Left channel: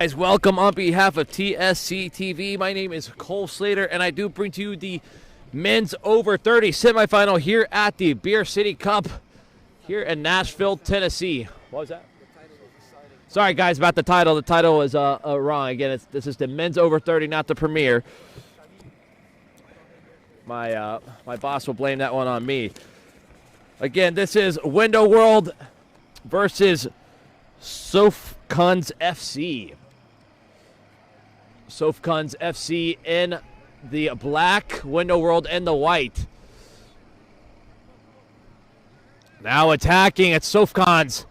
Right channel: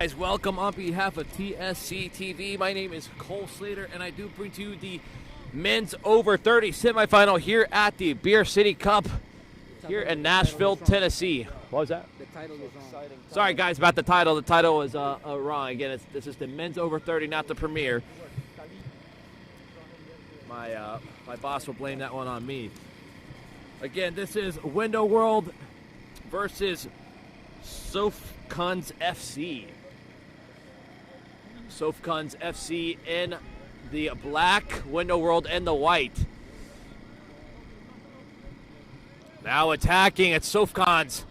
Guys, welcome on behalf of TSC TV. My name is Cole Slater, and I do bring to you the men's over 30 semifinal here at the Beer City Cup here in Nashville, Tennessee. What was that? The title is wrong. Sorry, guys, about the title. The title is wrong. Again, this is the men's over 30, not the premier. My boss will blame that one on me. Again, this is Window World versus SöfKuns FC. SöfKuns FC in the black, Window World in the white. Now attacking at SöfKuns.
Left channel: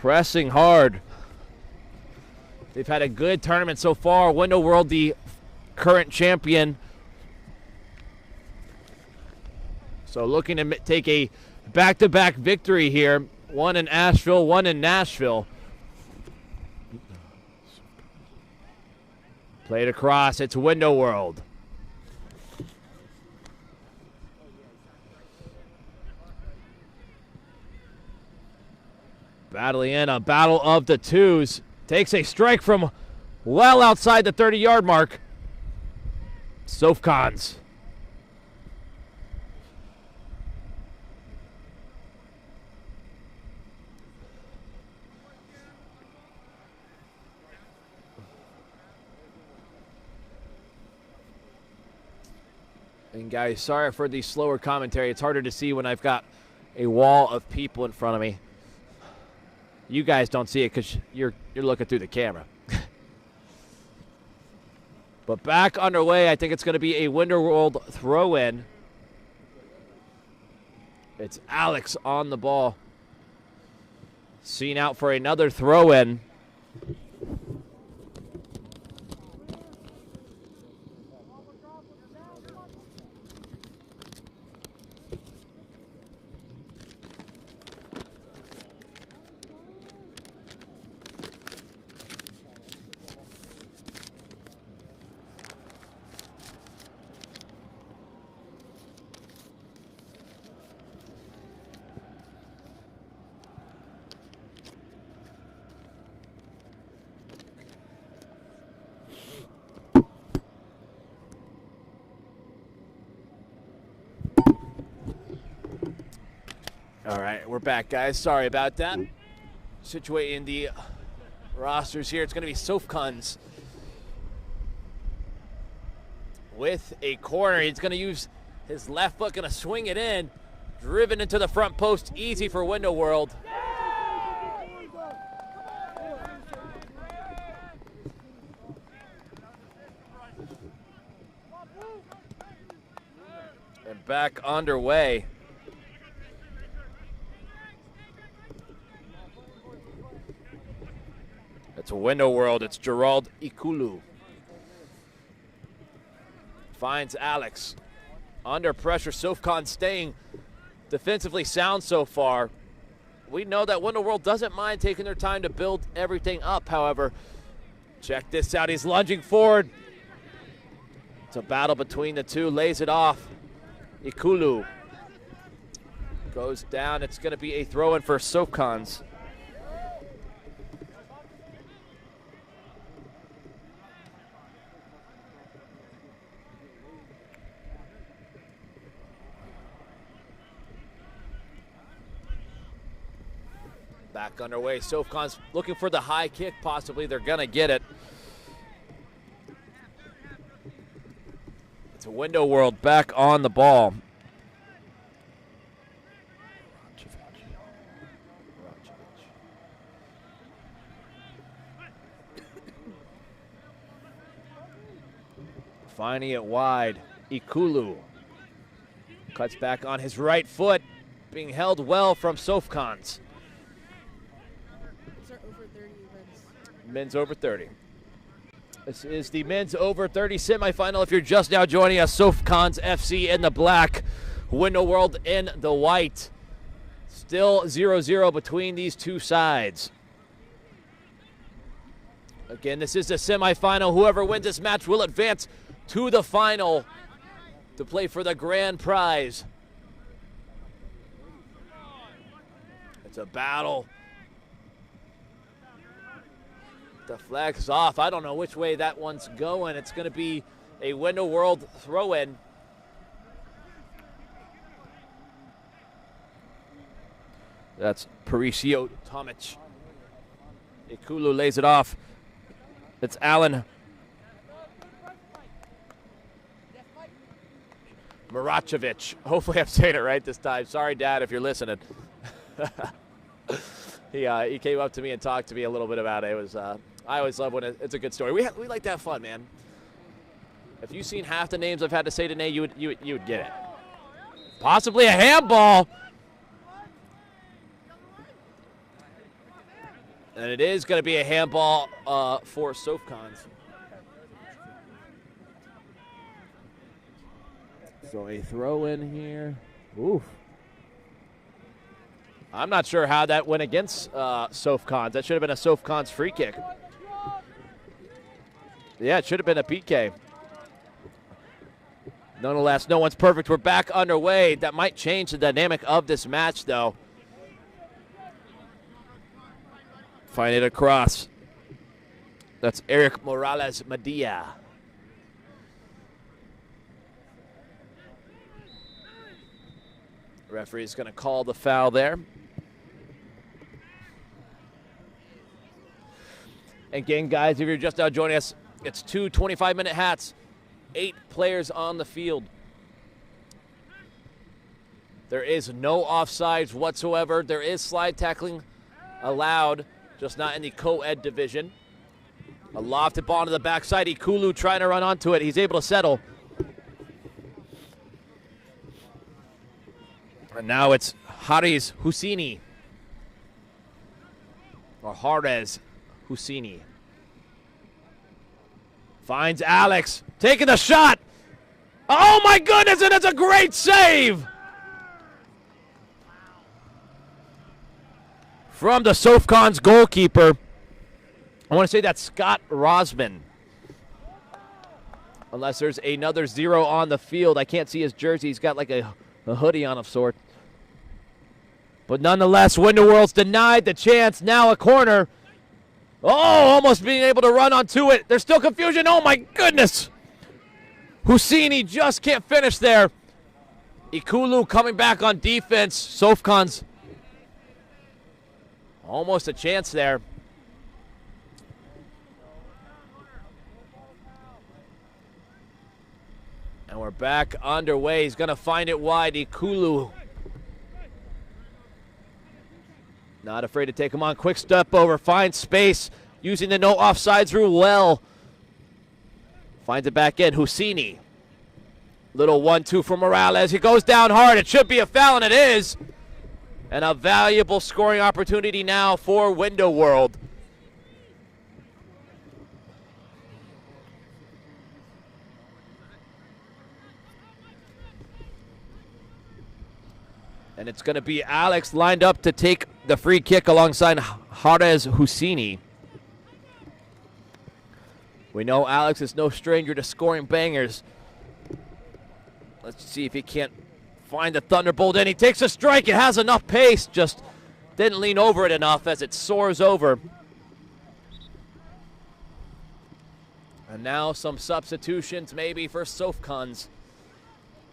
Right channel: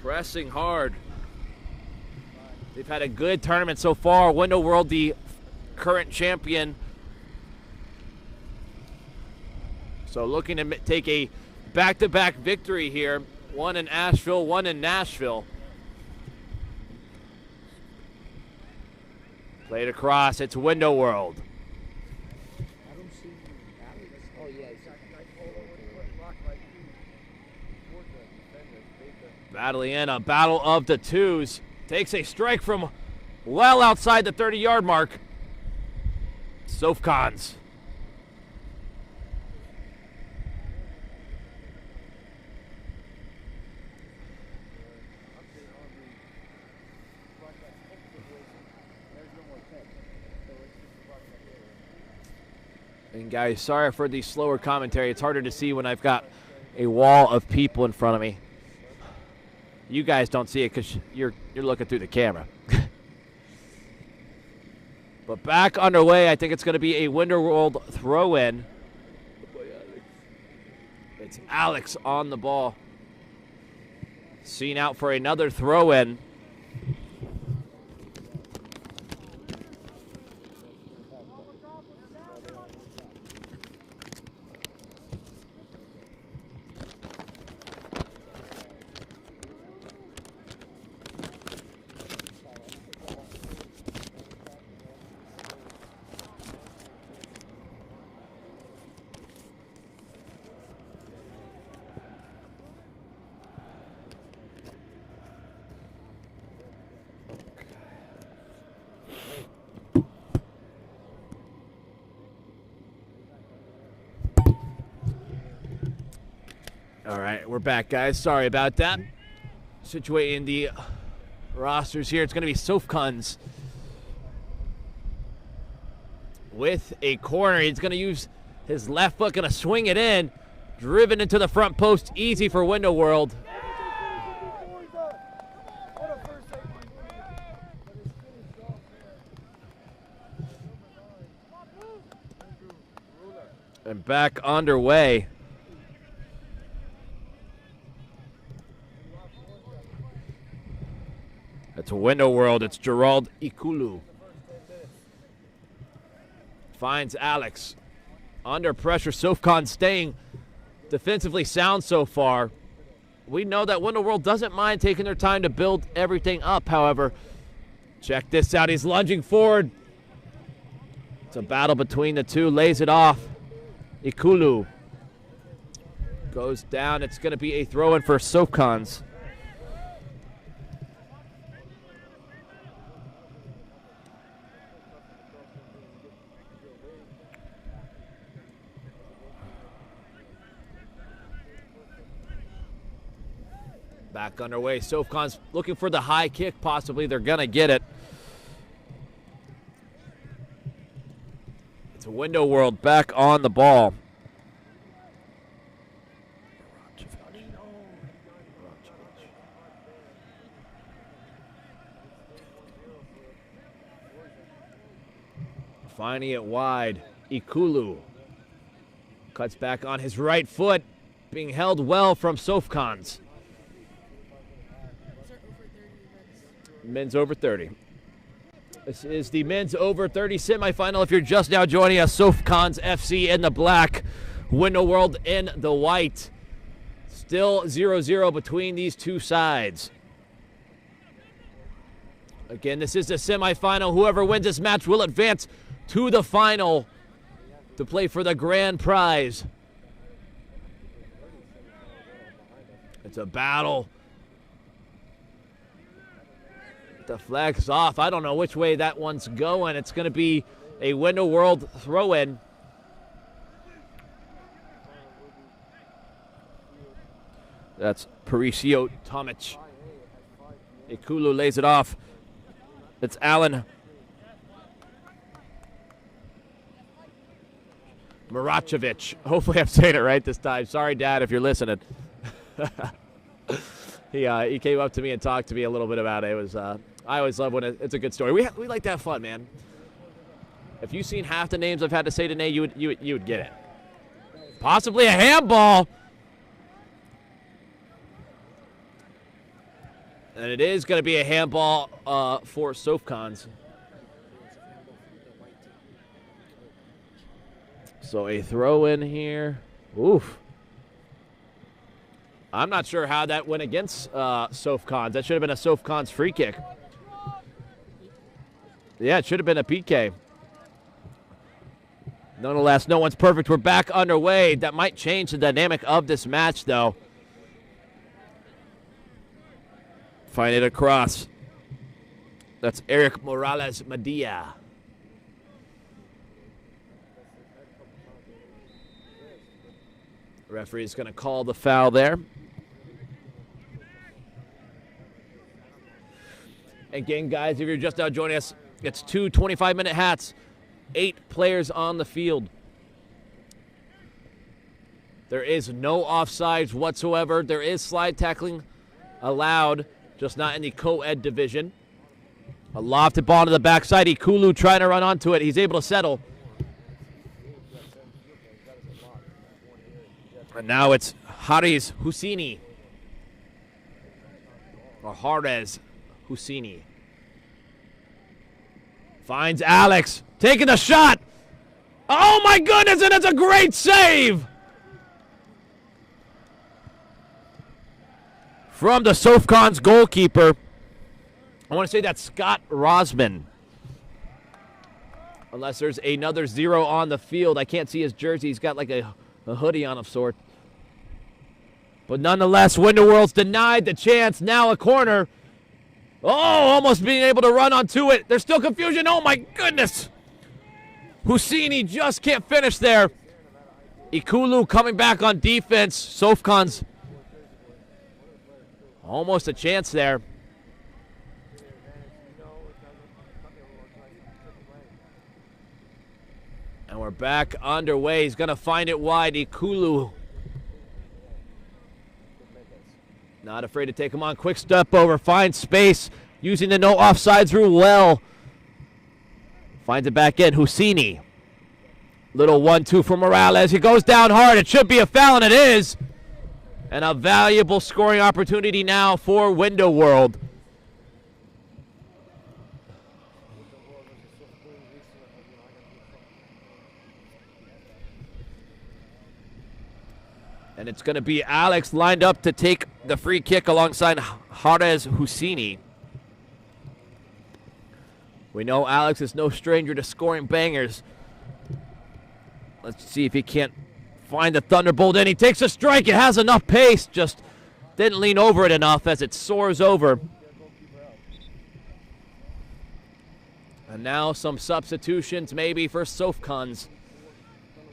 Pressing hard. They've had a good tournament so far. Window World, the current champion. So looking to take a back-to-back victory here. One in Asheville, one in Nashville. Played across. It's Window World. Battling in a battle of the twos. Takes a strike from well outside the 30-yard mark. SöfKuns. And guys, sorry for the slower commentary. It's harder to see when I've got a wall of people in front of me. You guys don't see it because you're looking through the camera. But back underway, I think it's going to be a Window World throw-in. It's Alex on the ball. Seen out for another throw-in. All right, we're back, guys. Sorry about that. Situating the rosters here. It's going to be SöfKuns with a corner. He's going to use his left foot, going to swing it in. Driven into the front post. Easy for Window World. And back underway. It's a Window World. It's Gerald Ikulu. Finds Alex. Under pressure. SöfKuns staying defensively sound so far. We know that Window World doesn't mind taking their time to build everything up, however. Check this out. He's lunging forward. It's a battle between the two. Lays it off. Ikulu goes down. It's going to be a throw-in for SöfKuns. Back underway. SöfKuns looking for the high kick, possibly. They're going to get it. It's a Window World back on the ball. Finding it wide. Ikulu cuts back on his right foot. Being held well from SöfKuns. Men's over 30. This is the men's over 30 semifinal. If you're just now joining us, SöfKuns FC in the black, Window World in the white. Still 0-0 between these two sides. Again, this is the semifinal. Whoever wins this match will advance to the final to play for the grand prize. It's a battle Deflects off. I don't know which way that one's going. It's going to be a Window World throw-in. That's Parisio Tomic. Ikulu lays it off. It's Allen Maracevic. Hopefully I'm saying it right this time. Sorry, Dad, if you're listening. He came up to me and talked to me a little bit about it. It was I always love when it's a good story. We like to have fun, man. If you've seen half the names I've had to say today, you would get it. Possibly a handball. And it is going to be a handball for SöfKuns. So a throw in here. Oof. I'm not sure how that went against SöfKuns. That should have been a SöfKuns free kick. Yeah, it should have been a PK. Nonetheless, no one's perfect. We're back underway. That might change the dynamic of this match, though. Find it across. That's Eric Morales Medea. The referee's going to call the foul there. Again, guys, if you're just now joining us, it's 2 25-minute hats, 8 players on the field. There is no offsides whatsoever. There is slide tackling allowed, just not in the co-ed division. A lofted ball to the backside. Ikulu trying to run onto it. He's able to settle. And now it's Haris Husseini. Or Harez Husseini. Finds Alex. Taking the shot. Oh my goodness, and it's a great save. From the SöfKuns goalkeeper. I want to say that's Scott Rosman. Unless there's another 0 on the field. I can't see his jersey. He's got like a hoodie on of sort. But nonetheless, Window World's denied the chance. Now a corner. Oh, almost being able to run onto it. There's still confusion. Oh, my goodness. Husseini just can't finish there. Ikulu coming back on defense. SöfKuns. Almost a chance there. And we're back underway. He's going to find it wide. Ikulu. Not afraid to take him on. Quick step over. Finds space. Using the no offsides rule well. Finds it back in. Husseini. Little 1-2 for Morales. He goes down hard. It should be a foul, and it is. And a valuable scoring opportunity now for Window World. And it's going to be Alex lined up to take the free kick alongside Harez Husseini. We know Alex is no stranger to scoring bangers. Let's see if he can't find the thunderbolt. And he takes a strike. It has enough pace. Just didn't lean over it enough as it soars over. And now some substitutions maybe for SöfKuns.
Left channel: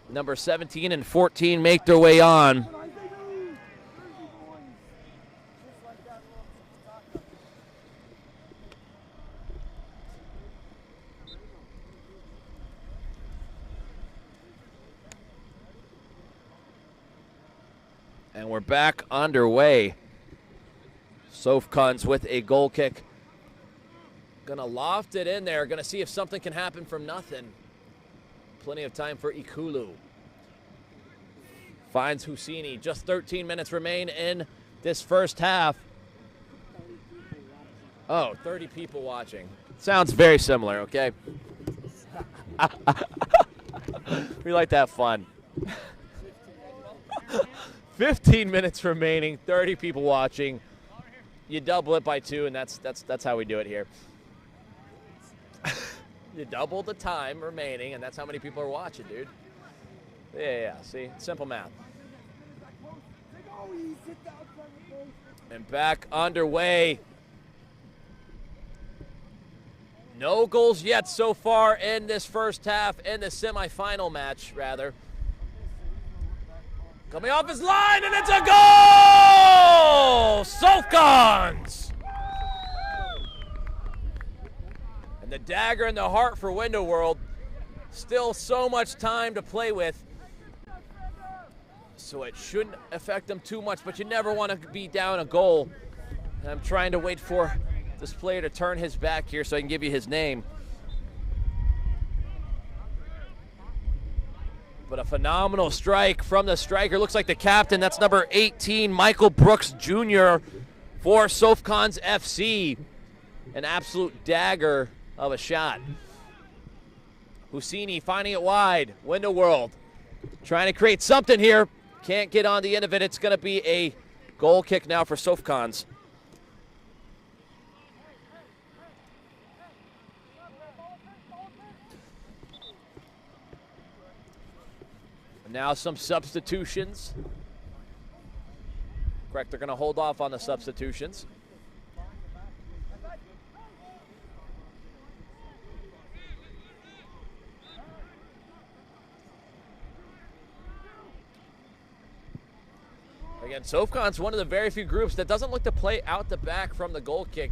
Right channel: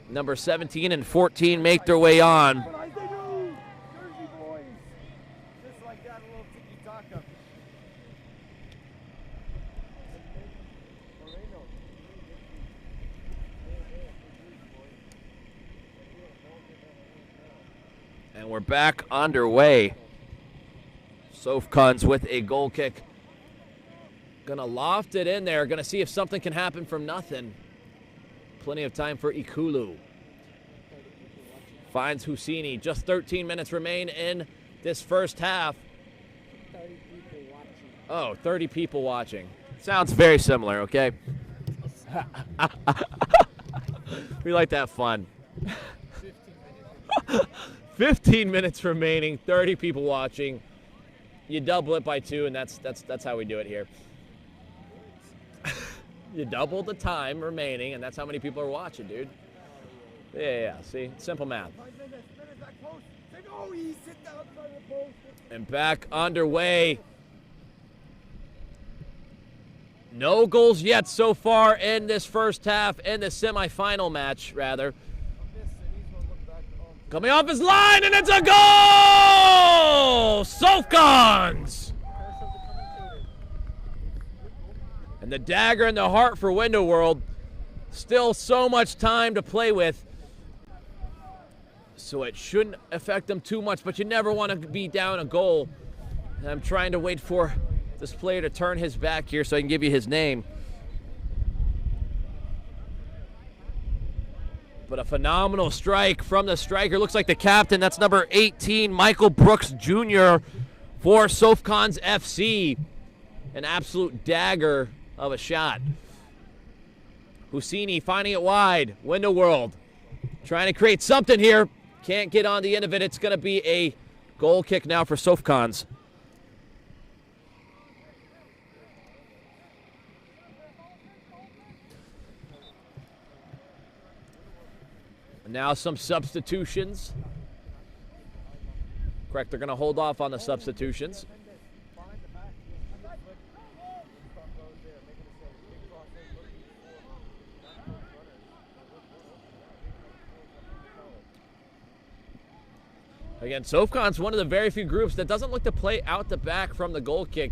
Number 17 and 14 make their way on. And we're back underway. SöfKuns with a goal kick. Gonna loft it in there. Gonna see if something can happen from nothing. Plenty of time for Ikulu. Finds Husseini. Just 13 minutes remain in this first half. Oh, 30 people watching. Sounds very similar, okay? We like to have fun. 15 minutes remaining, 30 people watching. You double it by 2, and that's how we do it here. You double the time remaining, and that's how many people are watching, dude. Yeah, see? Simple math. And back underway. No goals yet so far in this first half, in the semifinal match, rather. Coming off his line, and it's a goal! SöfKuns! And the dagger in the heart for Window World. Still so much time to play with, so it shouldn't affect them too much, but you never want to be down a goal. And I'm trying to wait for this player to turn his back here so I can give you his name. But a phenomenal strike from the striker. Looks like the captain. That's number 18, Michael Brooks Jr. for SöfKuns FC. An absolute dagger of a shot. Husini finding it wide. Window World trying to create something here. Can't get on the end of it. It's going to be a goal kick now for SöfKuns. Now some substitutions. Correct, they're going to hold off on the substitutions. Again, SöfKuns, one of the very few groups that doesn't look to play out the back from the goal kick.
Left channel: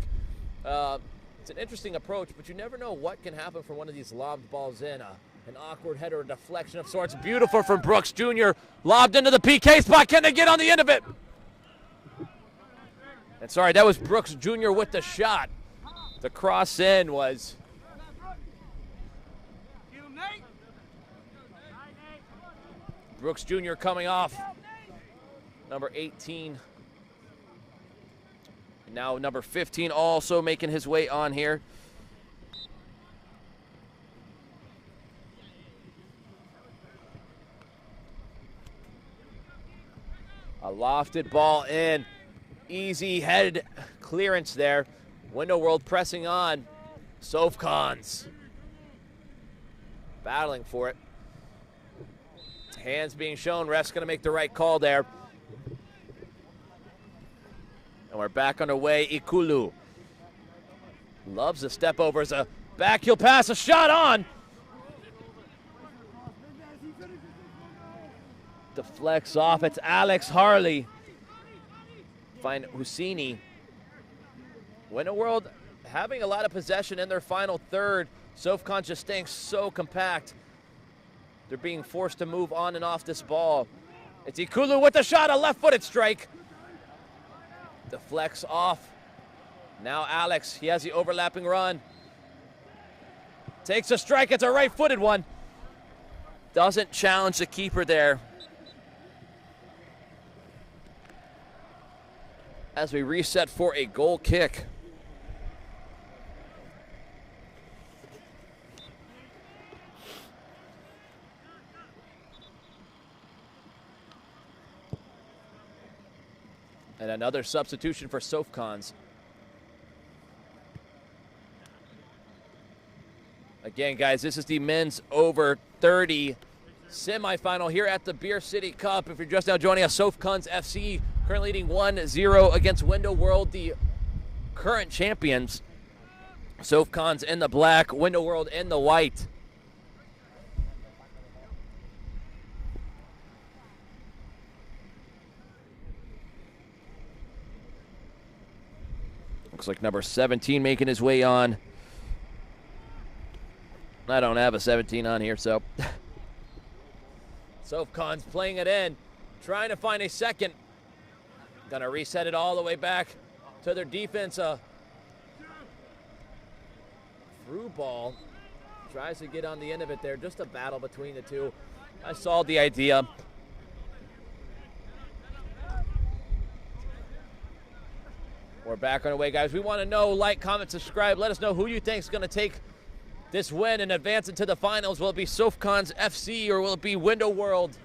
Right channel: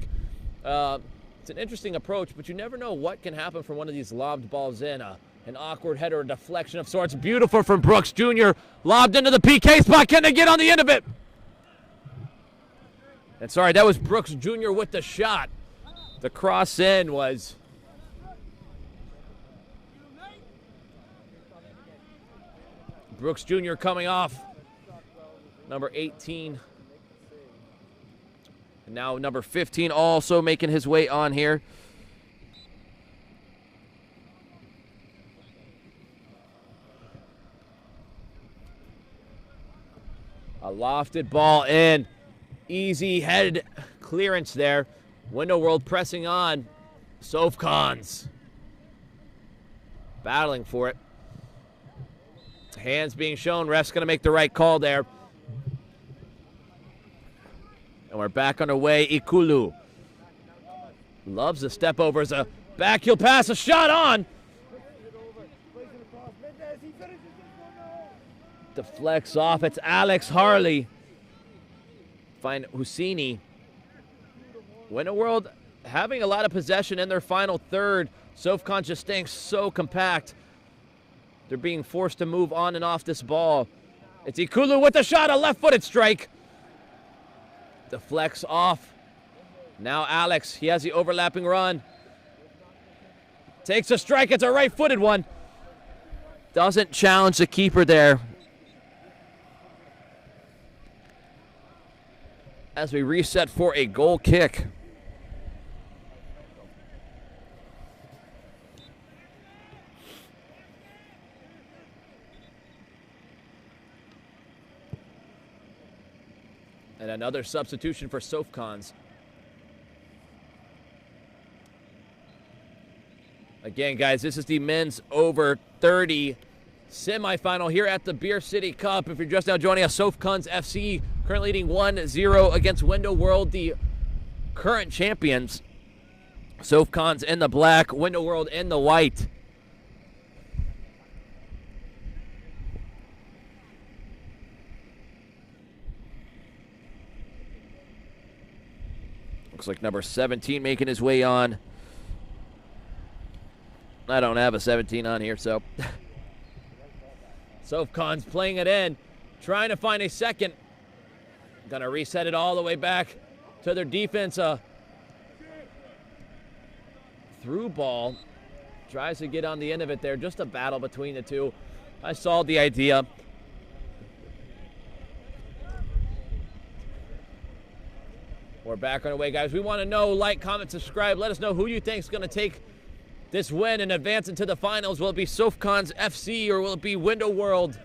It's an interesting approach, but you never know what can happen from one of these lobbed balls in. An awkward header, a deflection of sorts. Beautiful from Brooks Jr. Lobbed into the PK spot. Can they get on the end of it? And sorry, that was Brooks Jr. with the shot. The cross in was... Brooks Jr. coming off. Number 18. And now number 15 also making his way on here. A lofted ball in. Easy head clearance there. Window World pressing on. SöfKuns battling for it. Hands being shown. Ref's going to make the right call there. And we're back underway. Ikulu loves the step over as a back heel pass, a shot on. Deflects off. It's Alex Harley. Find Husini. Window World having a lot of possession in their final third. SöfKuns just staying so compact. They're being forced to move on and off this ball. It's Ikulu with the shot, a left-footed strike. Deflects off. Now Alex, he has the overlapping run. Takes a strike, it's a right-footed one. Doesn't challenge the keeper there. As we reset for a goal kick. And another substitution for SöfKuns. Again, guys, this is the men's over 30 semifinal here at the Beer City Cup. If you're just now joining us, SöfKuns FC currently leading 1-0 against Window World, the current champions. SöfKuns in the black, Window World in the white. Looks like number 17 making his way on. I don't have a 17 on here, so. SöfKuns playing it in, trying to find a second. Gonna reset it all the way back to their defense. Through ball. Tries to get on the end of it there. Just a battle between the two. I saw the idea. We're back on our way, guys. We want to know, like, comment, subscribe. Let us know who you think is going to take this win and advance into the finals. Will it be SöfKuns FC or will it be Window World,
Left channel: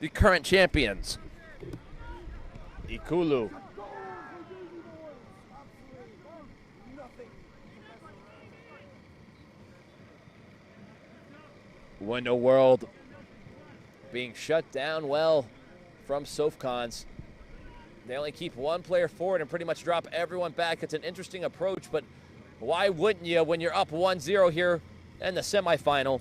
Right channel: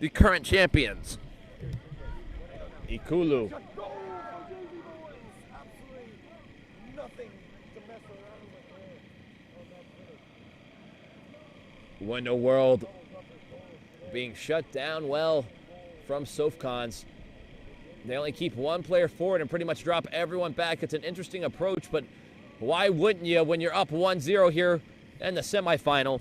the current champions? Ikulu. Window World being shut down well from SöfKuns. They only keep one player forward and pretty much drop everyone back. It's an interesting approach, but Why wouldn't you when you're up 1-0 here in the semifinal?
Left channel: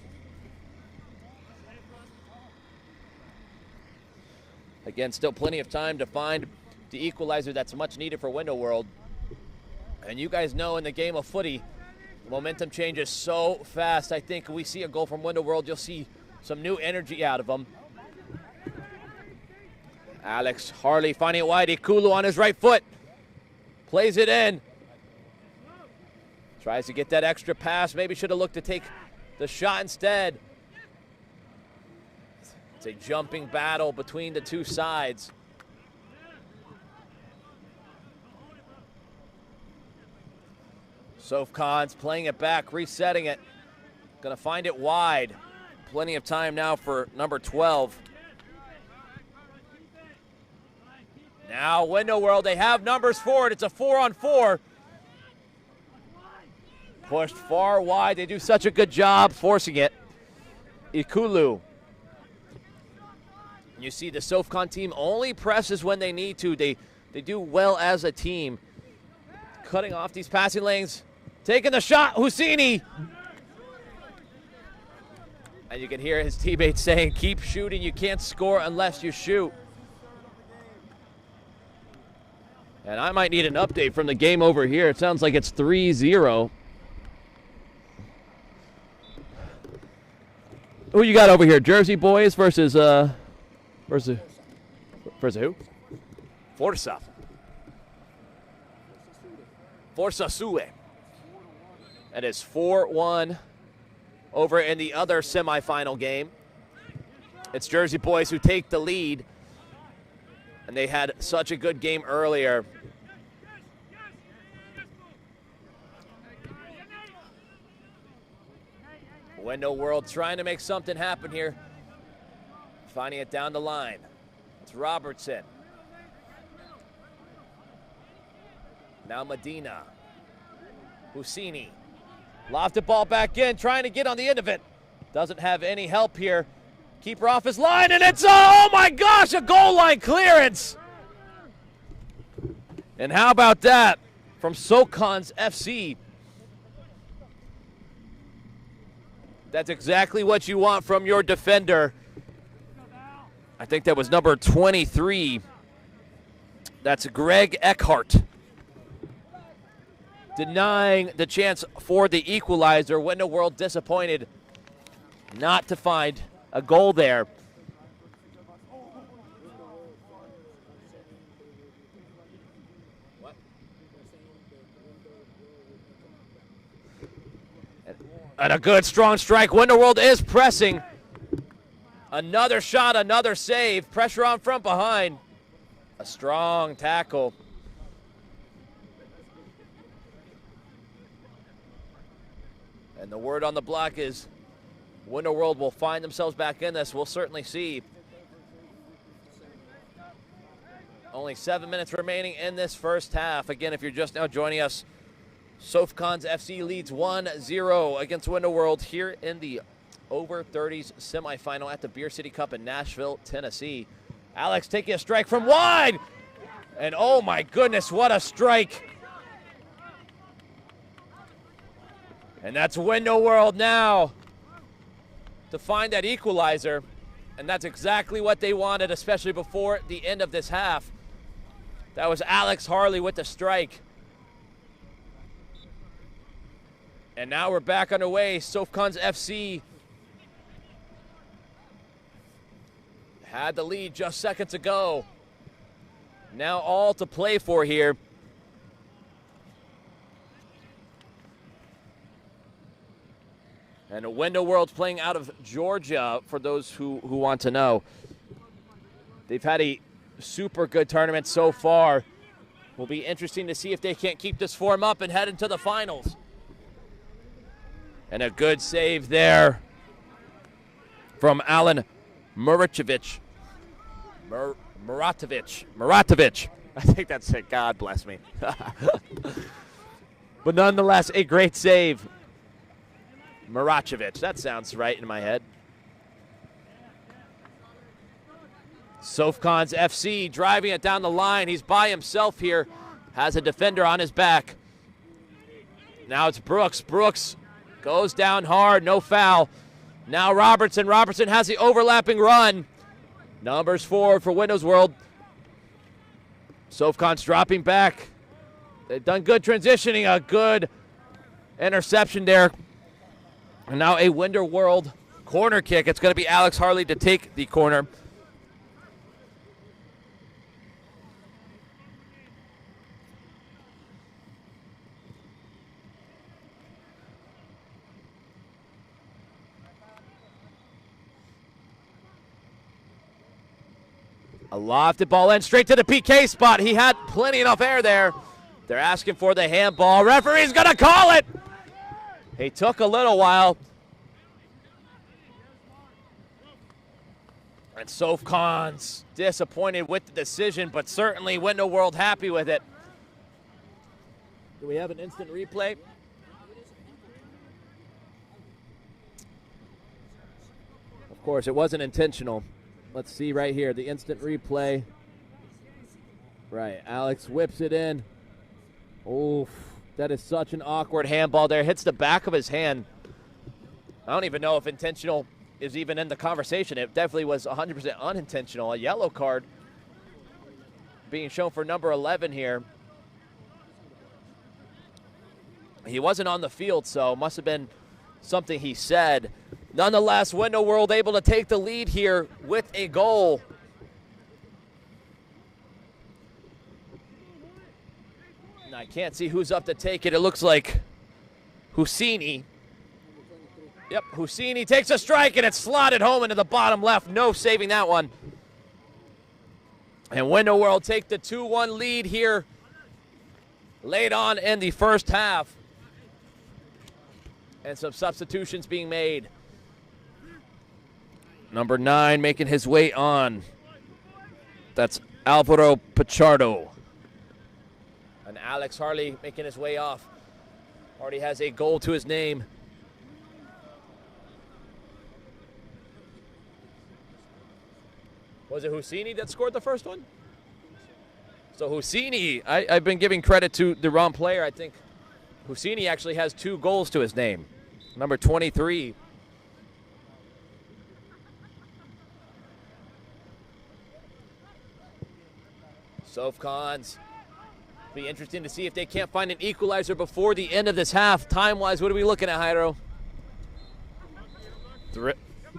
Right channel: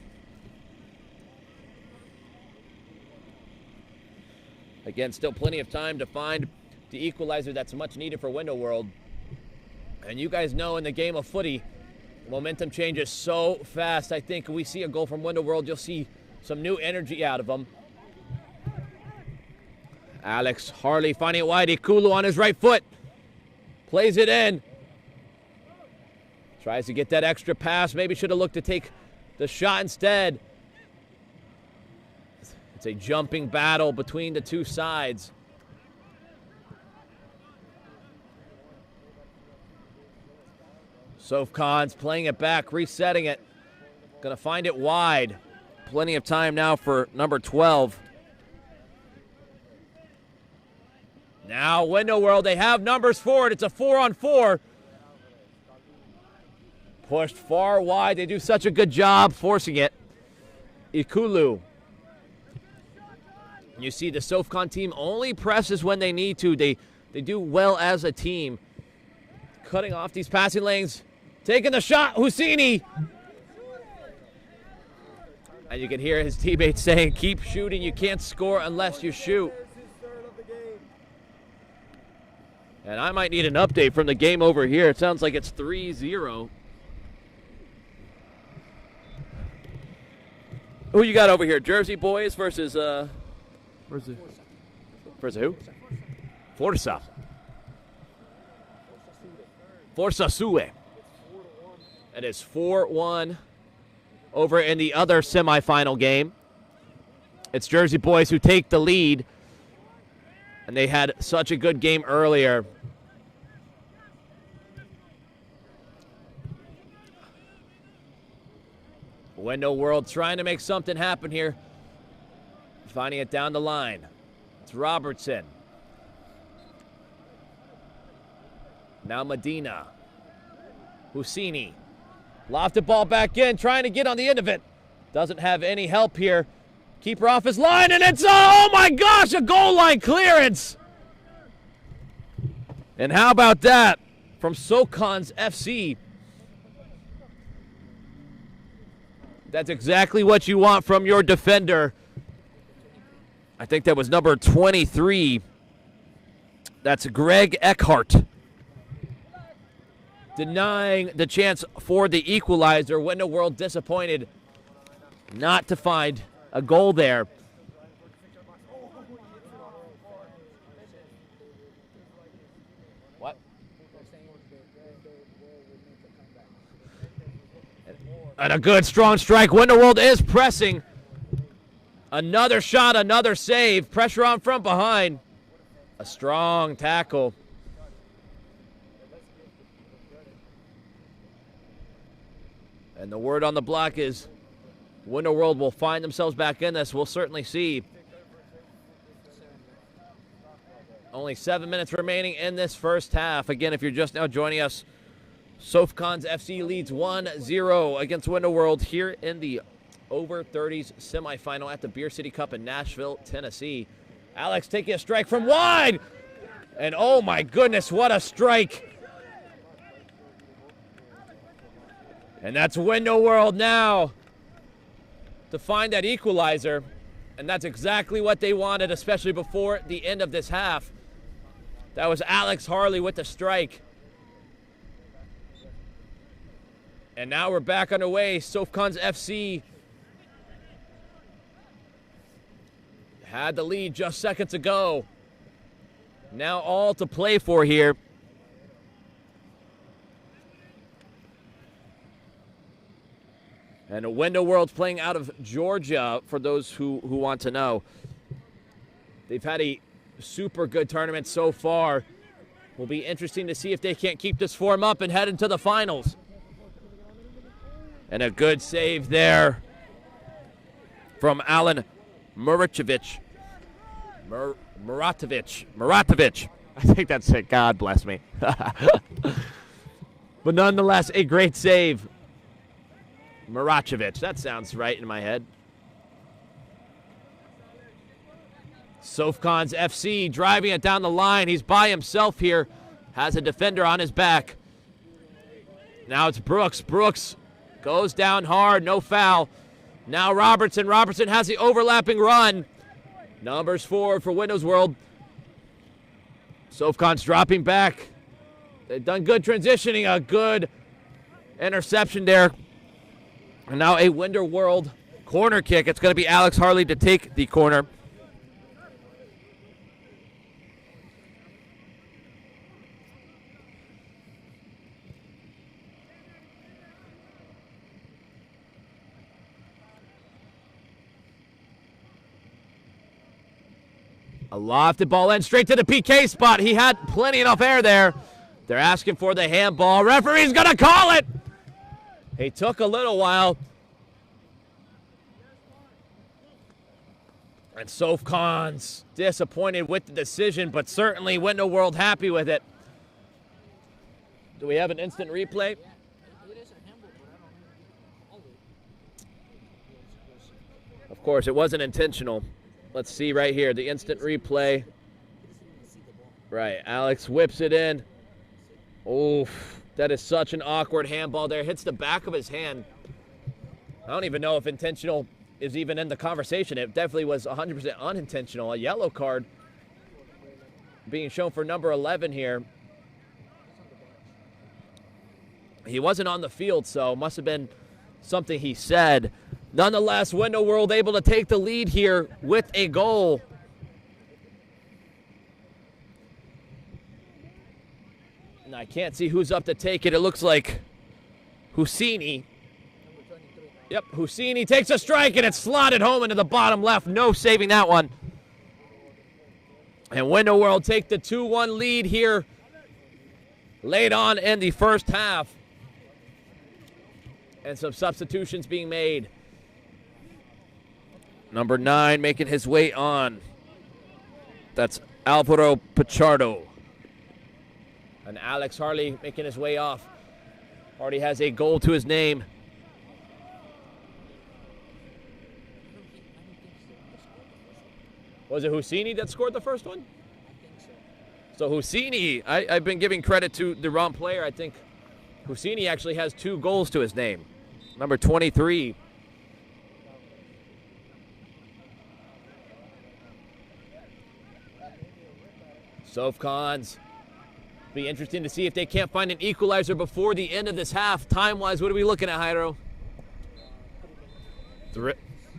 Again, still plenty of time to find the equalizer that's much needed for Window World. And you guys know in the game of footy, momentum changes so fast. I think we see a goal from Window World, you'll see some new energy out of them. Alex Harley finding it wide. Ikulu on his right foot. Plays it in. Tries to get that extra pass. Maybe should have looked to take the shot instead. It's a jumping battle between the two sides. SöfKuns playing it back, resetting it. Gonna find it wide. Plenty of time now for number 12. Now Window World, they have numbers for it. It's a 4-on-4. Pushed far wide. They do such a good job forcing it. Ikulu. You see the SöfKuns team only presses when they need to. They do well as a team. Cutting off these passing lanes. Taking the shot, Husseini. And you can hear his teammates saying, keep shooting. You can't score unless you shoot. And I might need an update from the game over here. It sounds like it's 3-0. Who you got over here? Jersey Boys versus who? Forza Sue. It is 4-1 over in the other semifinal game. It's Jersey Boys who take the lead. And they had such a good game earlier. Window World trying to make something happen here. Finding it down the line. It's Robertson. Now Medina. Husseini. Lofted ball back in, trying to get on the end of it. Doesn't have any help here. Keeper off his line, and it's, oh my gosh, a goal line clearance. And how about that from SöfKuns FC? That's exactly what you want from your defender. I think that was number 23. That's Greg Eckhart. Denying the chance for the equalizer. Window World disappointed not to find a goal there. What? And a good strong strike. Window World is pressing. Another shot, another save. Pressure on front behind. A strong tackle. And the word on the block is Window World will find themselves back in this. We'll certainly see. Only 7 minutes remaining in this first half. Again, if you're just now joining us, SöfKuns FC leads 1-0 against Window World here in the over 30s semifinal at the Beer City Cup in Nashville, Tennessee. Alex taking a strike from wide. And oh my goodness, what a strike. And that's Window World now to find that equalizer. And that's exactly what they wanted, especially before the end of this half. That was Alex Harley with the strike. And now we're back underway. SöfKuns FC had the lead just seconds ago. Now all to play for here. And Window World's playing out of Georgia, for those who want to know. They've had a super good tournament so far. Will be interesting to see if they can't keep this form up and head into the finals. And a good save there from Alan Muratovic. Muratovic. I think that's it. God bless me. But nonetheless, a great save. Muracevic. That sounds right in my head. SöfKuns FC driving it down the line. He's by himself here. Has a defender on his back. Now it's Brooks. Brooks goes down hard, no foul. Now Robertson. Robertson has the overlapping run. Numbers forward for Windows World. SöfKuns dropping back. They've done good transitioning, a good interception there. And now a Windows World corner kick. It's going to be Alex Harley to take the corner. A lofted ball in, straight to the PK spot. He had plenty enough air there. They're asking for the handball. Referee's going to call it. He took a little while. And SöfKuns disappointed with the decision, but certainly Windows World happy with it. Do we have an instant replay? Of course, it wasn't intentional. Let's see right here, the instant replay. Right, Alex whips it in. Oof, that is such an awkward handball there. Hits the back of his hand. I don't even know if intentional is even in the conversation. It definitely was 100% unintentional. A yellow card being shown for number 11 here. He wasn't on the field, so must have been something he said. Nonetheless, Windows World able to take the lead here with a goal. And I can't see who's up to take it. It looks like Husseini. Yep, Husseini takes a strike, and it's slotted home into the bottom left. No saving that one. And Windows World take the 2-1 lead here late on in the first half. And some substitutions being made. Number 9 making his way on. That's Alvaro Pichardo. And Alex Harley making his way off. Already has a goal to his name. Was it Husseini that scored the first one? So Husseini, I've been giving credit to the wrong player. I think Husseini actually has 2 goals to his name. Number 23. SöfKuns. Be interesting to see if they can't find an equalizer before the end of this half. Time-wise, what are we looking at, Jairo?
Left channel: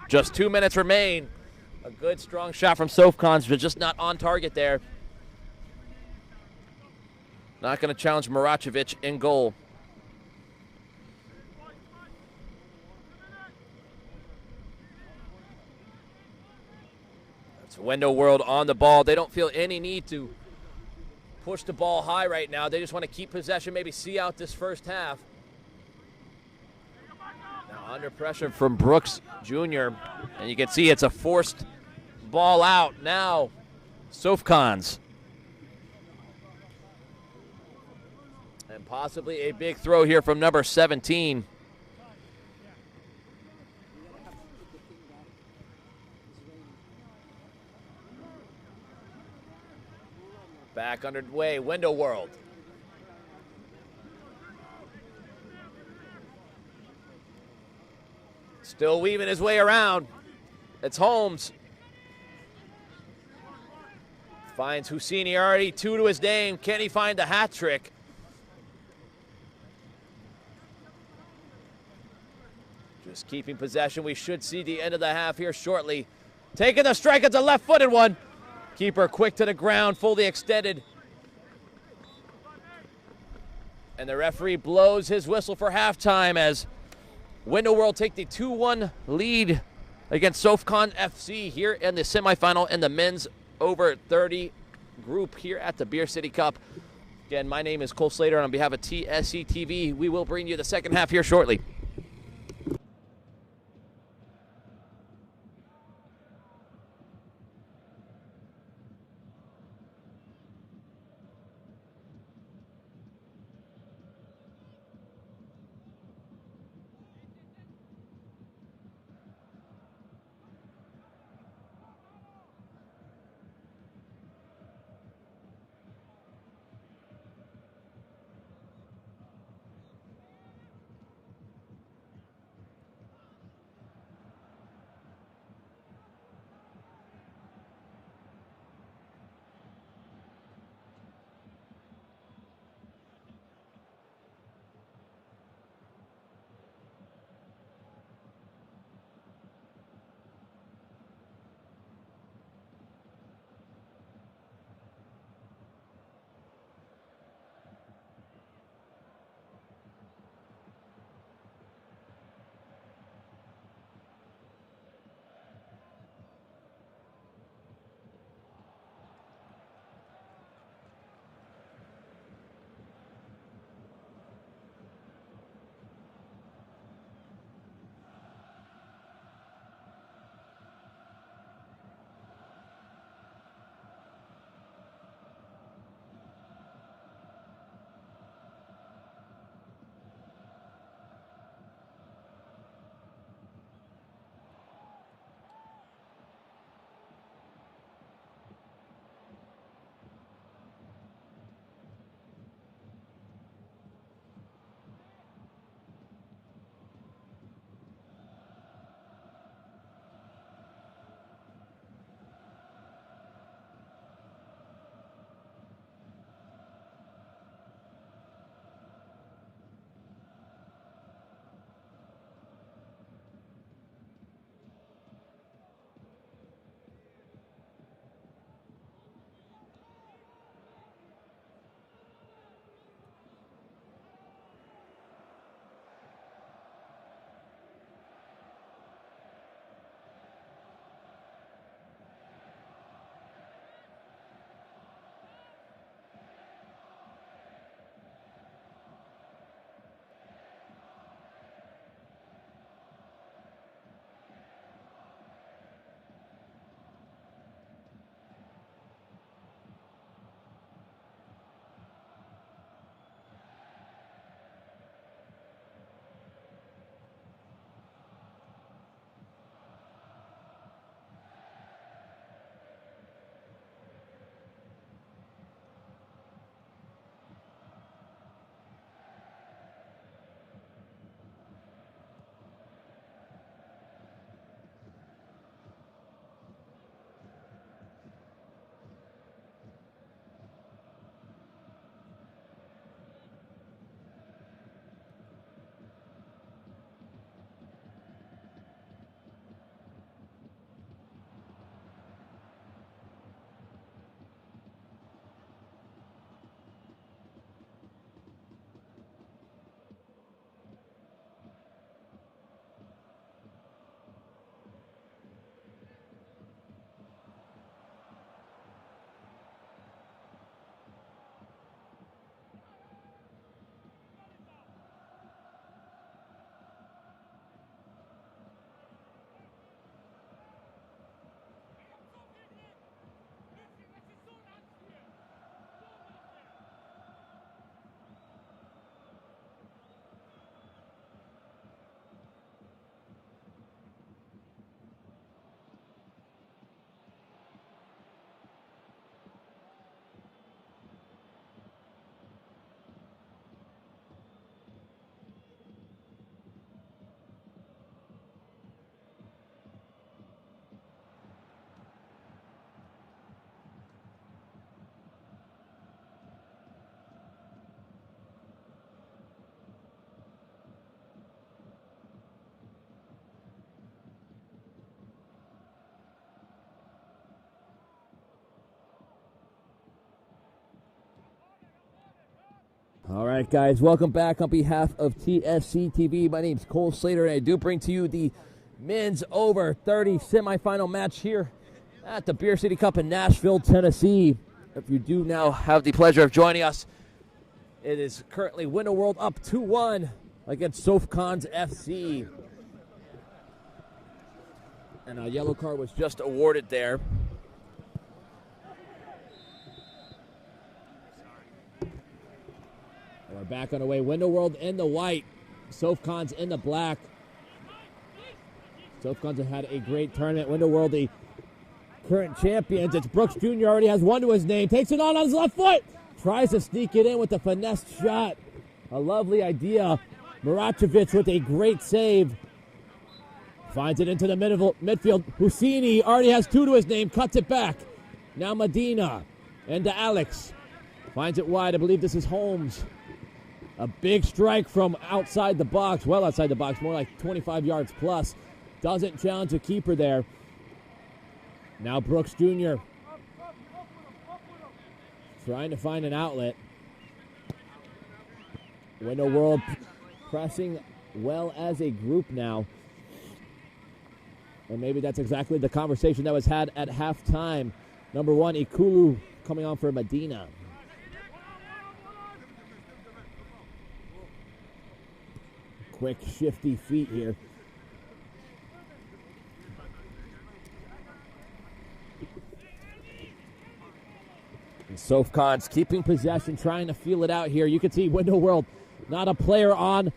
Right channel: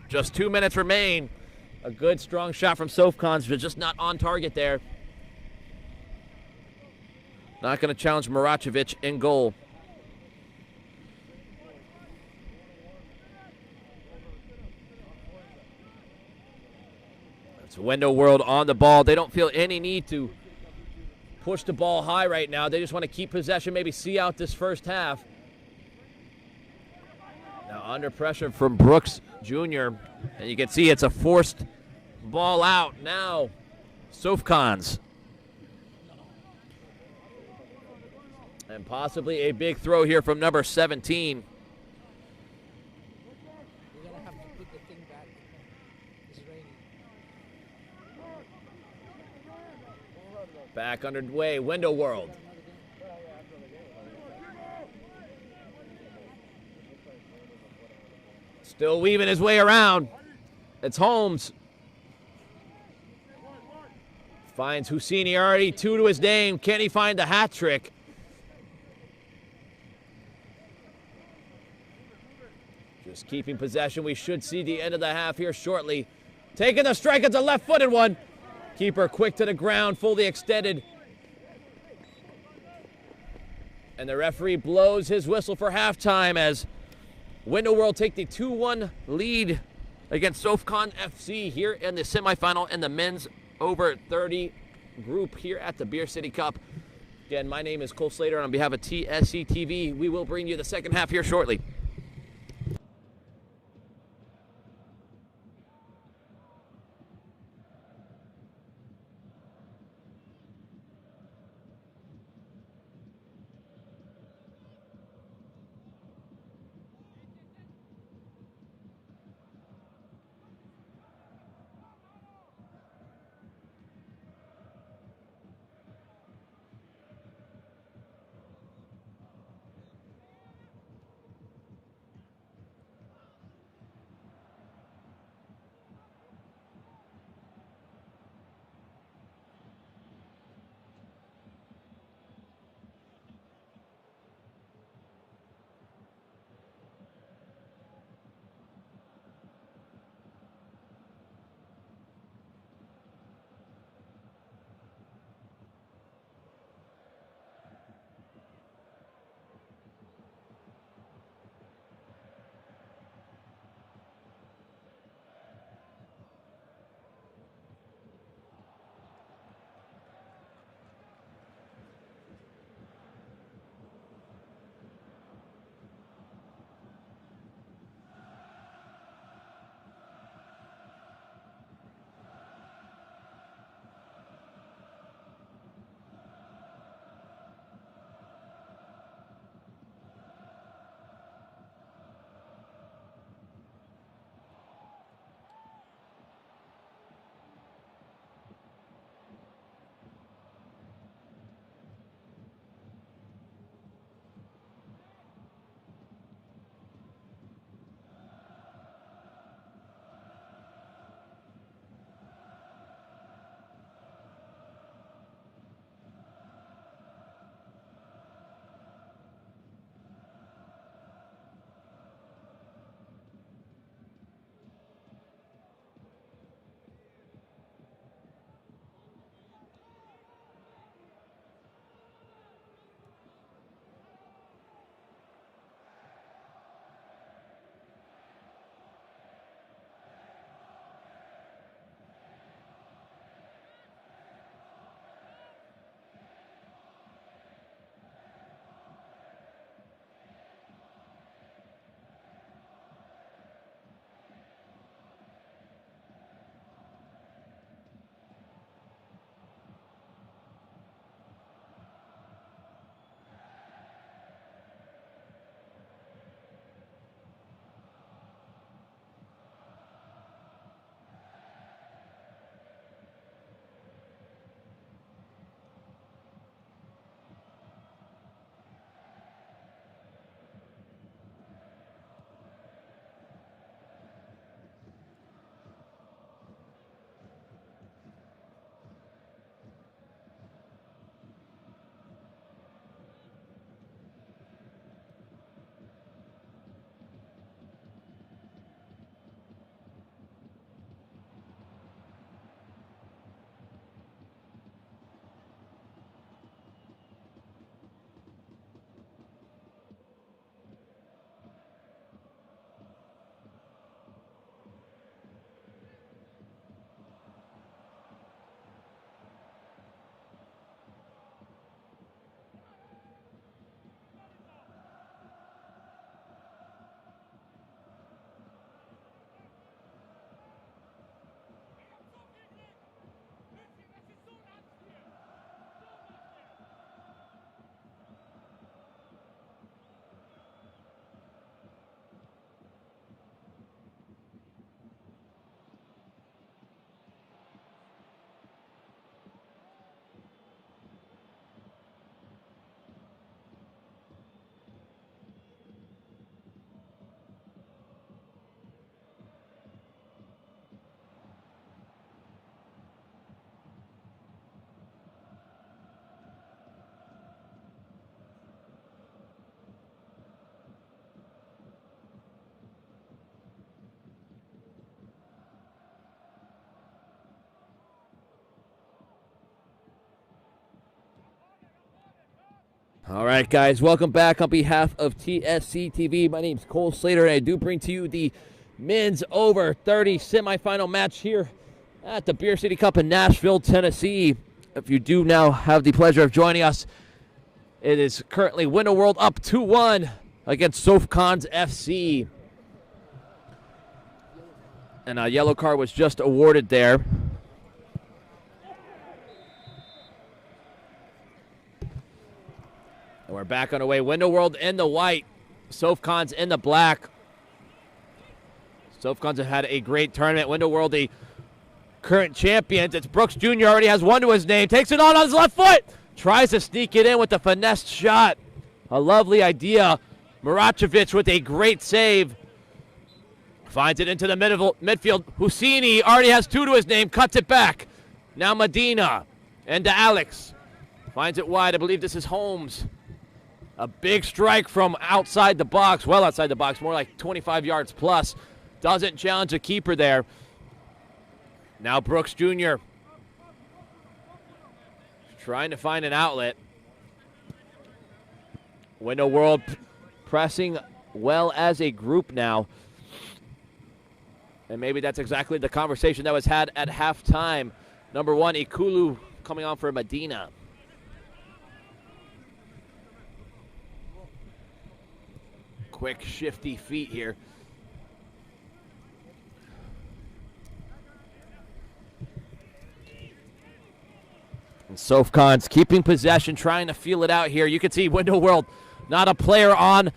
Just 2 minutes remain. A good, strong shot from SöfKuns, but just not on target there. Not going to challenge Maracevic in goal. It's Windows World on the ball. They don't feel any need to push the ball high right now. They just want to keep possession, maybe see out this first half. Now under pressure from Brooks Jr. And you can see it's a forced ball out. Now SöfKuns. And possibly a big throw here from number 17. Back underway, Windows World. Still weaving his way around. It's Holmes. Finds Husseini, already 2 to his name. Can he find the hat trick? Just keeping possession. We should see the end of the half here shortly. Taking the strike, it's a left-footed one. Keeper quick to the ground, fully extended. And the referee blows his whistle for halftime as Windows World take the 2-1 lead against SöfKuns FC here in the semifinal in the men's over 30 group here at the Beer City Cup. Again, my name is Cole Slater, and on behalf of TSC TV, we will bring you the second half here shortly. All right, guys, welcome back on behalf of TSC TV. My name's Cole Slater, and I do bring to you the men's over 30 semifinal match here at the Beer City Cup in Nashville, Tennessee. If you do now have the pleasure of joining us, it is currently Window World up 2-1 against SöfKuns FC. And a yellow card was just awarded there. And we're back on the way. Window World in the white, SöfKuns in the black. SöfKuns have had a great tournament. Window World, the current champions. It's Brooks Jr. already has one to his name. Takes it on his left foot. Tries to sneak it in with a finesse shot. A lovely idea. Maracevic with a great save. Finds it into the midfield. Husseini already has two to his name. Cuts it back. Now Medina. And to Alex. Finds it wide. I believe this is Holmes. A big strike from outside the box. Well outside the box. More like 25 yards plus. Doesn't challenge the keeper there. Now Brooks Jr. trying to find an outlet. Window World pressing well as a group now. And maybe that's exactly the conversation that was had at halftime. Number one, Ikulu coming on for Medina. Quick, shifty feet here. SöfKuns keeping possession, trying to feel it out here. You can see Window World, not a player on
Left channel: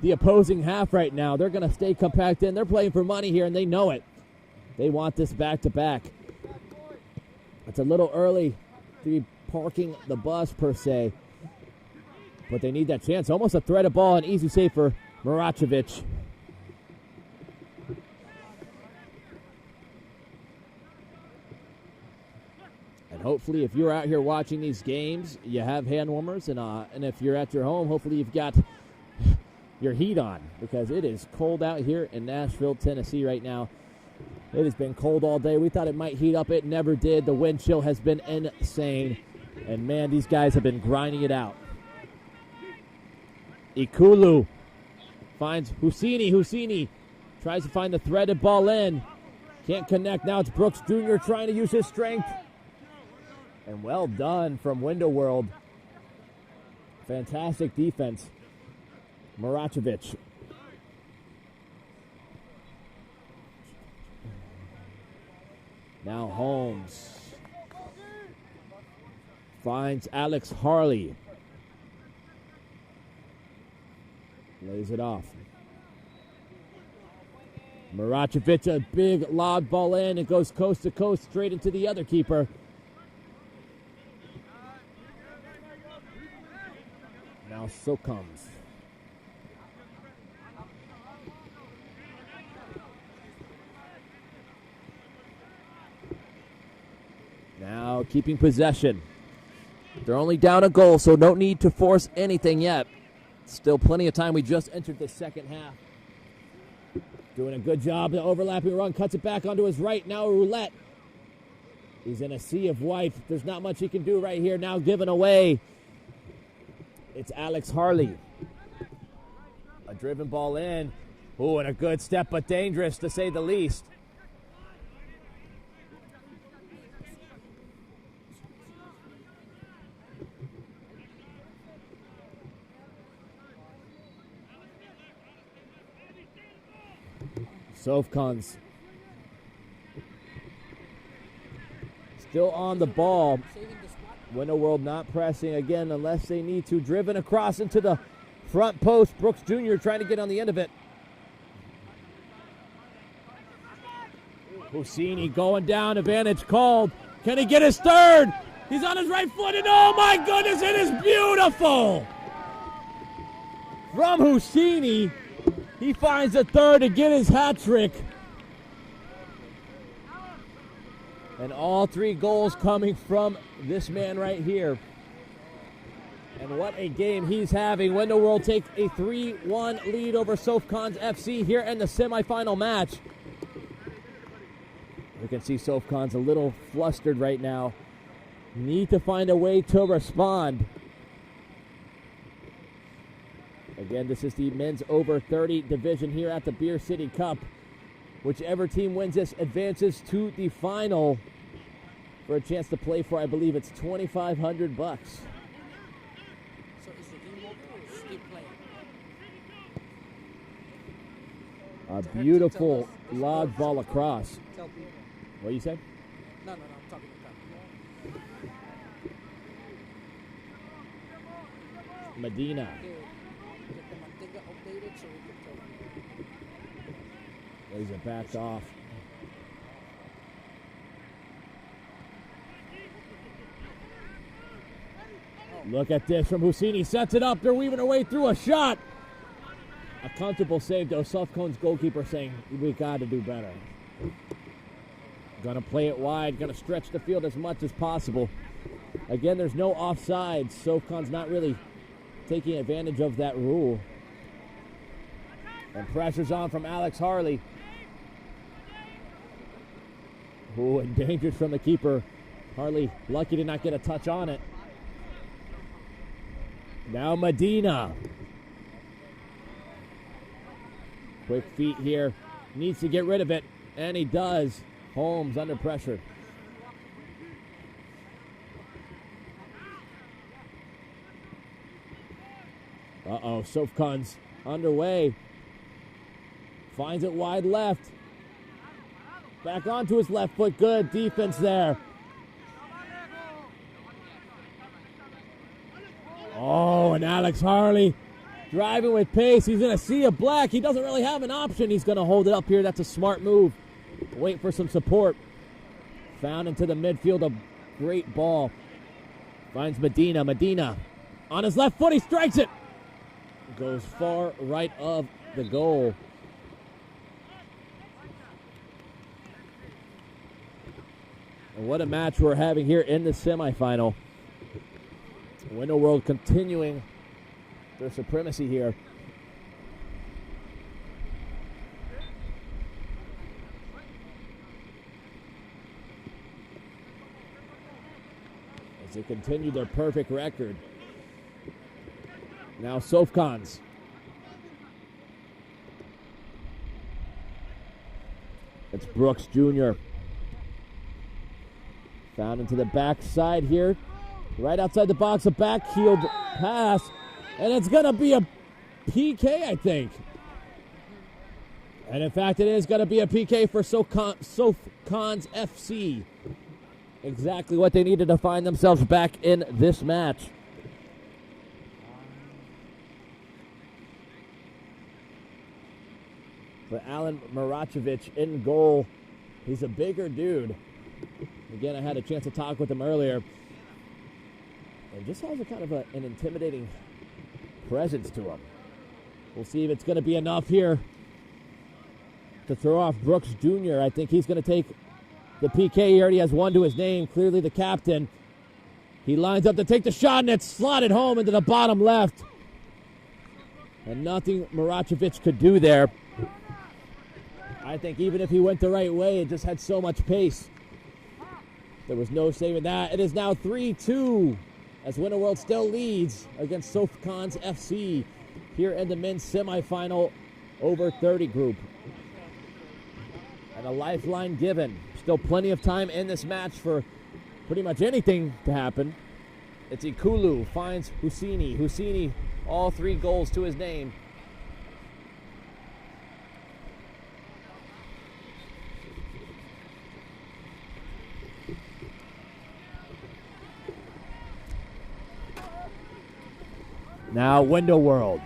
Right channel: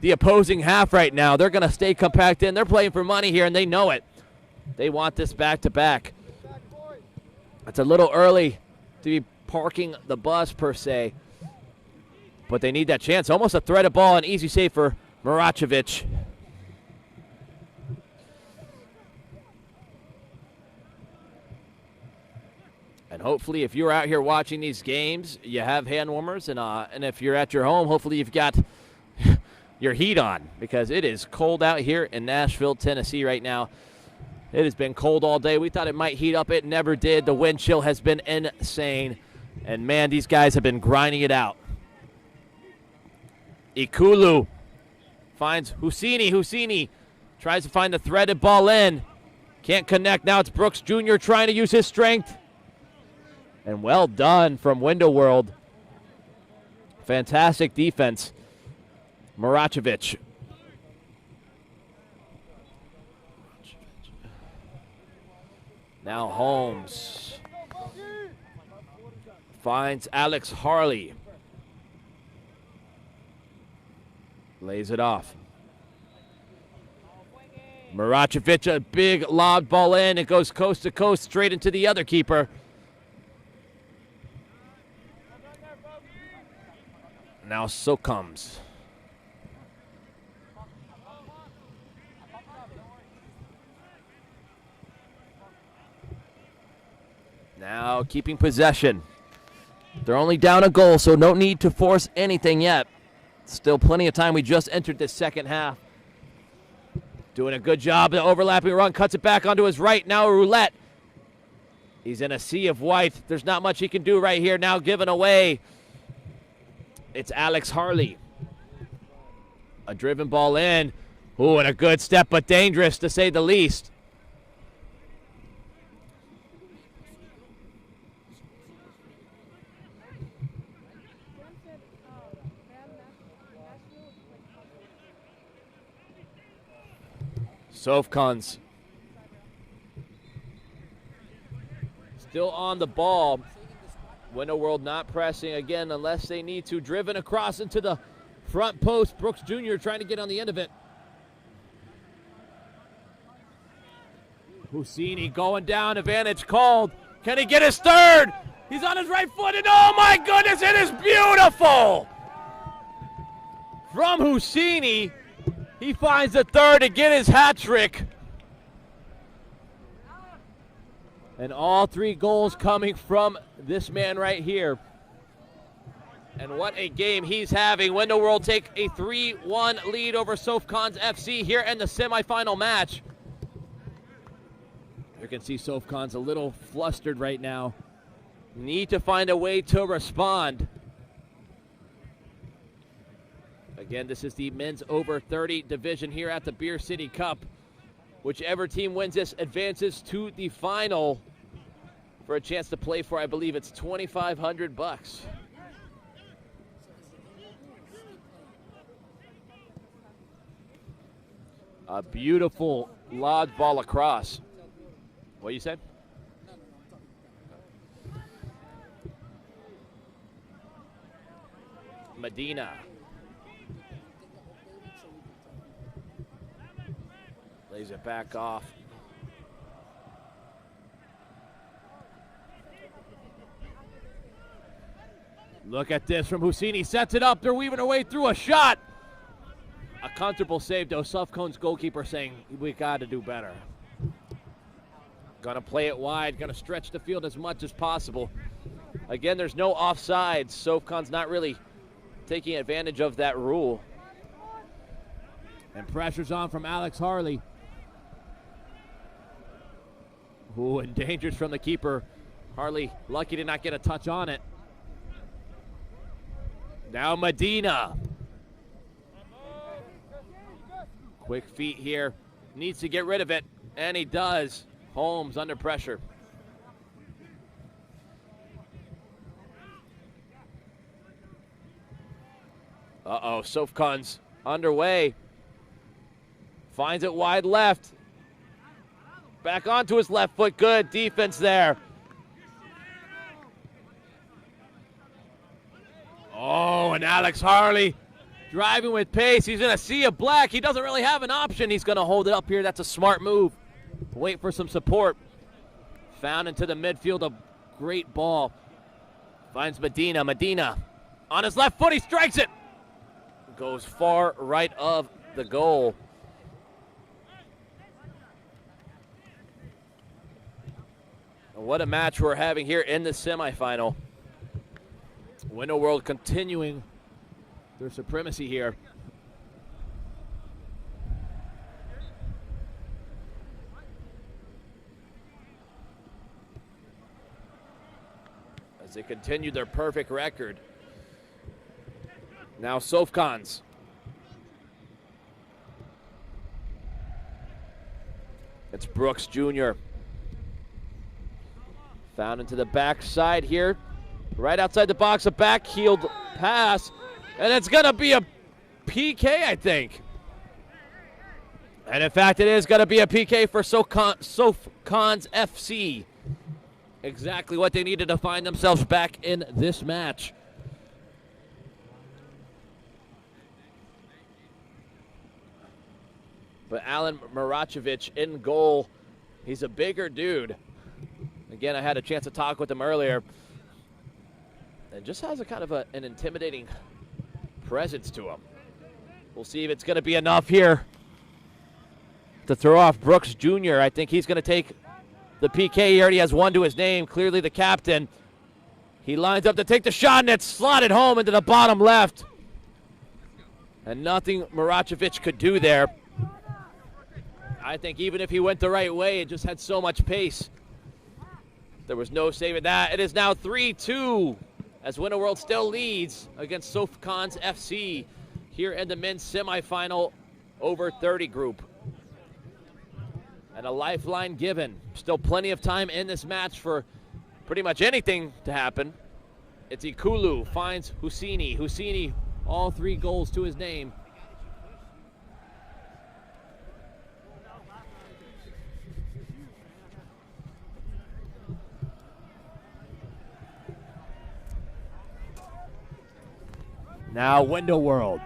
the opposing half right now. They're going to stay compact in. They're playing for money here, and they know it. They want this back-to-back. It's a little early to be parking the bus, per se, but they need that chance. Almost a threaded ball, an easy save for Maracevic. And hopefully, if you're out here watching these games, you have hand warmers, and if you're at your home, hopefully you've got your heat on, because it is cold out here in Nashville, Tennessee right now. It has been cold all day. We thought it might heat up. It never did. The wind chill has been insane. And, man, these guys have been grinding it out. Ikulu finds Husseini. Husseini tries to find the threaded ball in. Can't connect. Now it's Brooks Jr. trying to use his strength. And well done from Window World. Fantastic defense. Maracevic. Now Holmes finds Alex Harley. Lays it off. Maracevic, a big lob ball in. It goes coast to coast straight into the other keeper. Now SöfKuns. Now keeping possession. They're only down a goal, so no need to force anything yet. Still plenty of time. We just entered the second half. Doing a good job. The overlapping run cuts it back onto his right. Now Roulette. He's in a sea of white. There's not much he can do right here. Now given away. It's Alex Harley. A driven ball in. Ooh, and a good step, but dangerous to say the least. SöfKuns still on the ball. Window World not pressing again unless they need to. Driven across into the front post. Brooks Jr. trying to get on the end of it. Husseini going down. Advantage called. Can he get his third? He's on his right foot, and oh my goodness, it is beautiful! From Husseini, he finds a third to get his hat trick. And all three goals coming from this man right here. And what a game he's having. Window World take a 3-1 lead over SöfKuns FC here in the semifinal match. You can see SöfKuns a little flustered right now. Need to find a way to respond. Again, this is the men's over 30 division here at the Beer City Cup. Whichever team wins this advances to the final for a chance to play for, I believe it's $2,500. A beautiful lodge ball across. What you said? No, I'm talking. Medina. Lays it back off. Look at this from Husseini. Sets it up. They're weaving their way through a shot. A comfortable save, though. SöfKuns goalkeeper saying, we got to do better. Going to play it wide. Going to stretch the field as much as possible. Again, there's no offsides. SöfKuns not really taking advantage of that rule. And pressure's on from Alex Harley. Ooh, endangers from the keeper. Harley lucky to not get a touch on it. Now Medina. Quick feet here. Needs to get rid of it. And he does. Holmes under pressure. Uh-oh, SöfKuns underway. Finds it wide left. Back onto his left foot. Good defense there. Oh, and Alex Harley driving with pace. He's in a sea of black. He doesn't really have an option. He's going to hold it up here. That's a smart move. Wait for some support. Found into the midfield. A great ball. Finds Medina. Medina on his left foot. He strikes it. Goes far right of the goal. What a match we're having here in the semifinal. Window World continuing their supremacy here. As they continue their perfect record. Now SöfKuns. It's Brooks Jr. Found into the backside here. Right outside the box, a back-heeled pass. And it's going to be a PK, I think. And in fact, it is going to be a PK for SöfKuns FC. Exactly what they needed to find themselves back in this match. But Alan Maracevic in goal. He's a bigger dude. Again, I had a chance to talk with him earlier. And just has a kind of an intimidating presence to him. We'll see if it's going to be enough here to throw off Brooks Jr. I think he's going to take the PK. He already has one to his name. Clearly the captain. He lines up to take the shot, and it's slotted home into the bottom left. And nothing Maracevic could do there. I think even if he went the right way, it just had so much pace. There was no saving that. It is now 3-2 as Winter World still leads against SöfKuns FC here in the men's semifinal over 30 group. And a lifeline given. Still plenty of time in this match for pretty much anything to happen. It's Ikulu finds Husseini. Husseini, all 3 goals to his name. Now Window World.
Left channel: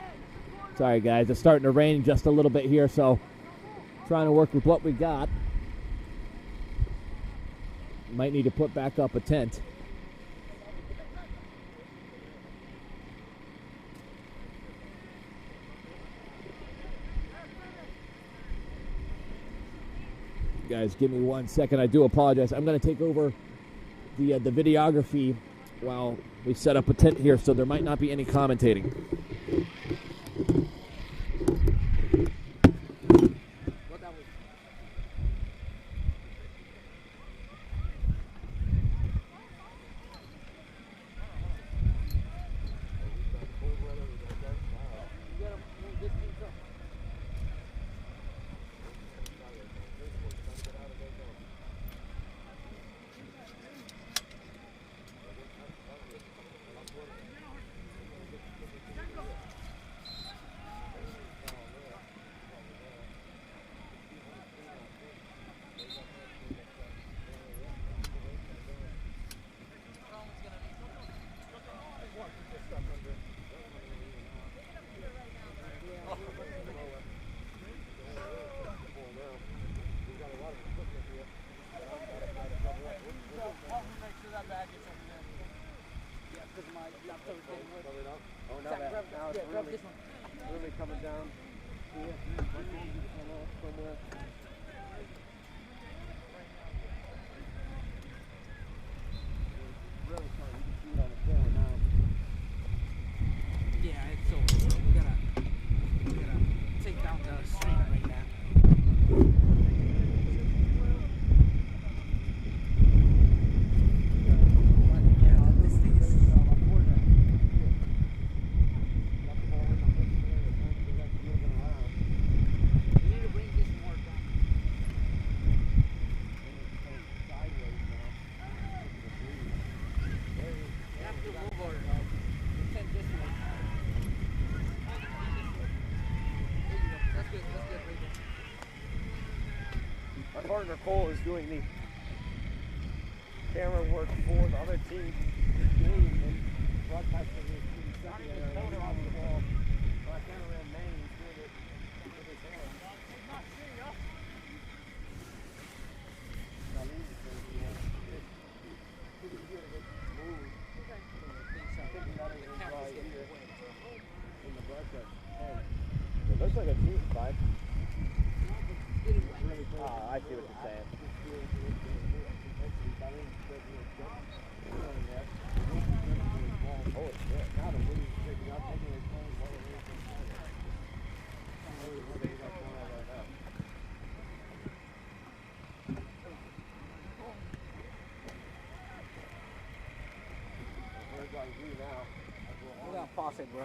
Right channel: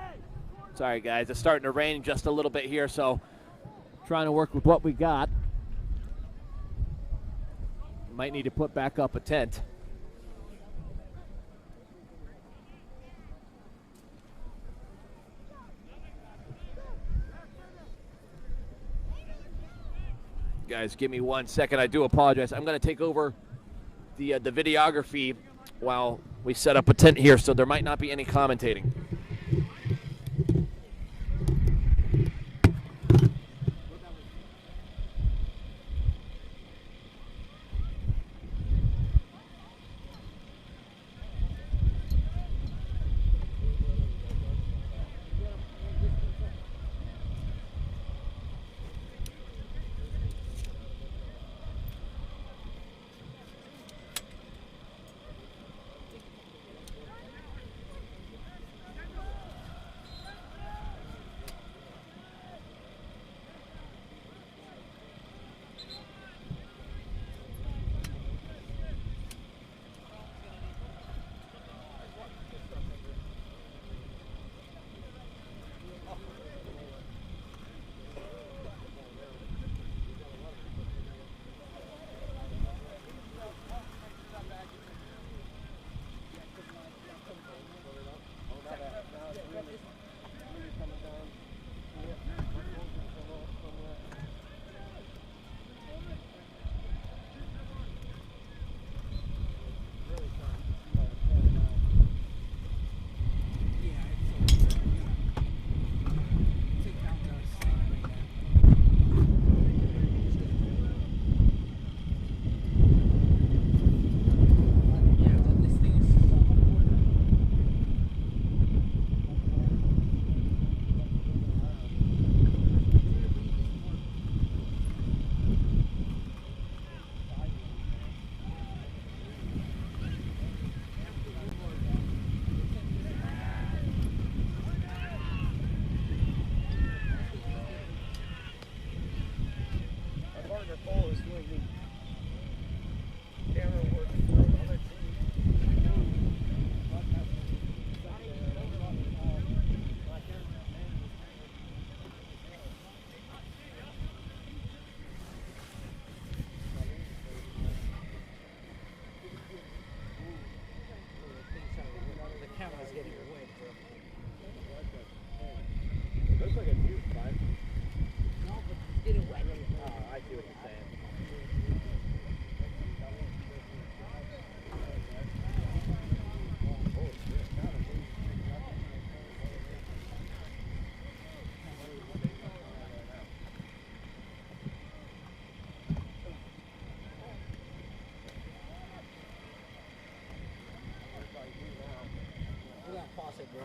Sorry guys, it's starting to rain just a little bit here, so trying to work with what we got. Might need to put back up a tent. Guys, give me 1 second. I do apologize. I'm going to take over the videography while we set up a tent here, so there might not be any commentating. coming down. Somewhere. Really trying to see on the camera now. Yeah, it's over. We gotta take down the snake right now. Yeah, this thing is. We need to bring this more down. We have to move our eccentricity. That's good right there. Our partner Cole is doing the camera work for the other team. Broadcasting his stuff there. On the ball. My cameraman man is doing it with his hand. It looks like a cute vibe. I see what you're saying. Holy shit. Got him. Where's like you now? Pause it, bro.